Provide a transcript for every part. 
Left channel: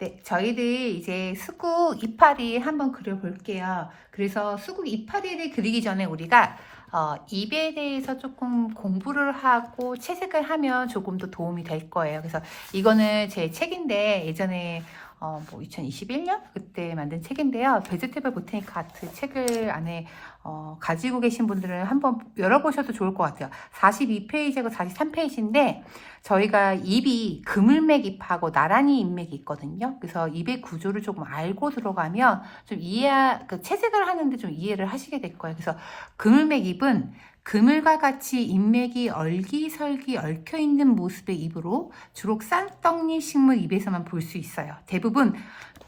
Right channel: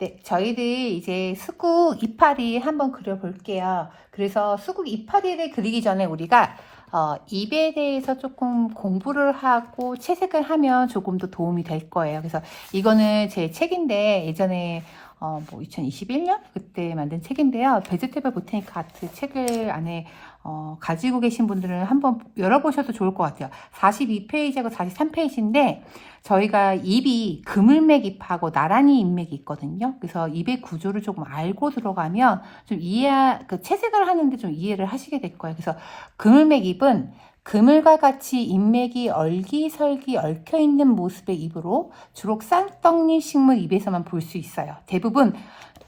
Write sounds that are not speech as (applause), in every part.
네, 저희들 이제 수국 이파리 한번 그려볼게요. 그래서 수국 이파리를 그리기 전에 우리가 어, 입에 대해서 조금 공부를 하고 채색을 하면 조금 더 도움이 될 거예요. 그래서 이거는 제 책인데 예전에 어, 뭐 2021년 그때 만든 책인데요. 베지테이블 보테니크 아트 책을 안에 어, 가지고 계신 분들은 한번 열어보셔도 좋을 것 같아요. 42페이지하고 43페이지인데 저희가 입이 그물맥 잎하고 나란히 잎맥이 있거든요. 그래서 입의 구조를 조금 알고 들어가면 좀 이해, 그 채색을 하는데 좀 이해를 하시게 될 거예요. 그래서 그물맥 잎은 그물과 같이 잎맥이 얼기설기 얽혀 있는 모습의 잎으로 주로 쌍떡잎 식물 잎에서만 볼 수 있어요. 대부분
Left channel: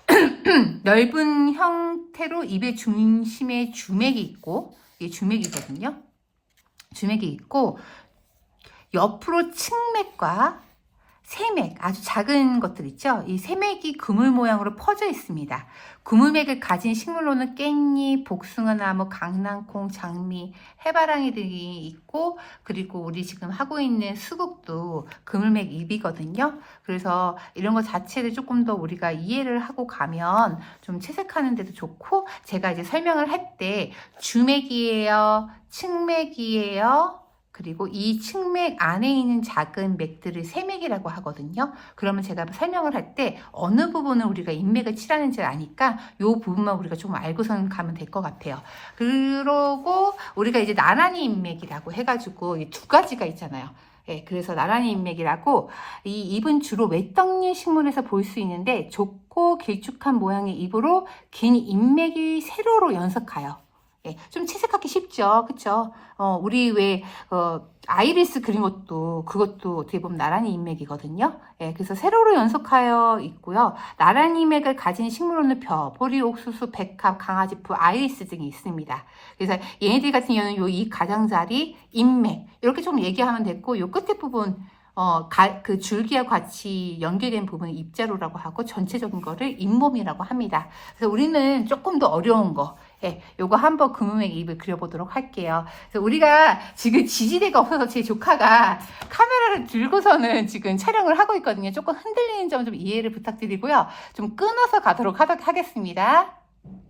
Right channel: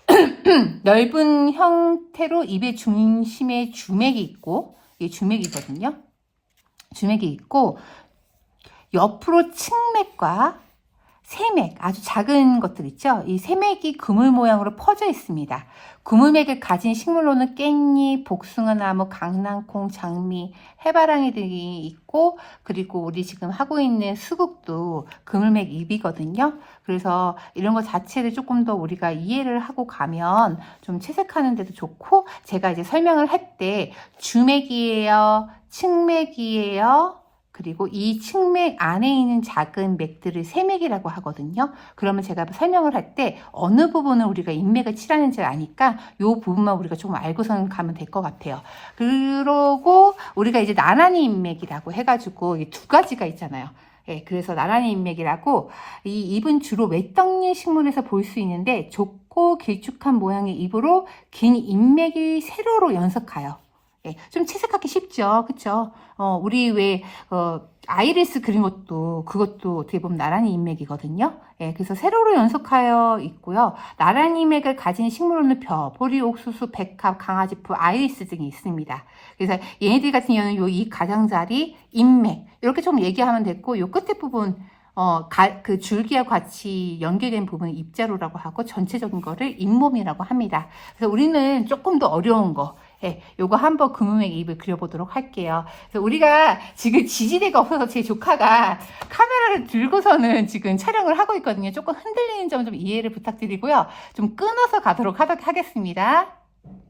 (clears throat) 넓은 형태로 입의 중심에 주맥이 있고, 이게 주맥이거든요. 주맥이 있고, 옆으로 측맥과 세맥, 아주 작은 것들 있죠? 이 세맥이 그물 모양으로 퍼져 있습니다. 그물맥을 가진 식물로는 깻잎, 복숭아나무, 강낭콩, 장미, 해바라기들이 있고, 그리고 우리 지금 하고 있는 수국도 그물맥 잎이거든요. 그래서 이런 것 자체를 조금 더 우리가 이해를 하고 가면 좀 채색하는 데도 좋고, 제가 이제 설명을 할 때 주맥이에요, 측맥이에요, 그리고 이 측맥 안에 있는 작은 맥들을 세맥이라고 하거든요. 그러면 제가 설명을 할 때 어느 부분을 우리가 인맥을 칠하는지 아니까 이 부분만 우리가 조금 알고선 가면 될 것 같아요. 그러고 우리가 이제 나란히 인맥이라고 해가지고 이두 가지가 있잖아요. 예, 그래서 나란히 인맥이라고 이 잎은 주로 외떡잎 식물에서 볼 수 있는데 좁고 길쭉한 모양의 잎으로 긴 인맥이 세로로 연석하여 예, 좀 채색하기 쉽죠. 그쵸? 어, 우리 왜, 어, 아이리스 그린 것도, 그것도 어떻게 보면 나란히 인맥이거든요. 예, 그래서 세로로 연속하여 있고요. 나란히 인맥을 가진 식물로는 벼, 보리, 옥수수, 백합, 강아지풀, 아이리스 등이 있습니다. 그래서 얘네들 같은 경우는 요 이 가장자리, 인맥, 이렇게 좀 얘기하면 됐고, 요 끝에 부분, 어, 가- 그 줄기와 같이 연계된 부분을 입자로라고 하고, 전체적인 거를 잇몸이라고 합니다. 그래서 우리는 조금 더 어려운 거, 네, 요거 한번 금음의 입을 그려보도록 할게요. 우리가 지금 지지대가 없어서 제 조카가 카메라를 들고서는 지금 촬영을 하고 있거든요. 조금 흔들리는 점 좀 이해를 부탁드리고요. 좀 끊어서 가도록 하겠습니다.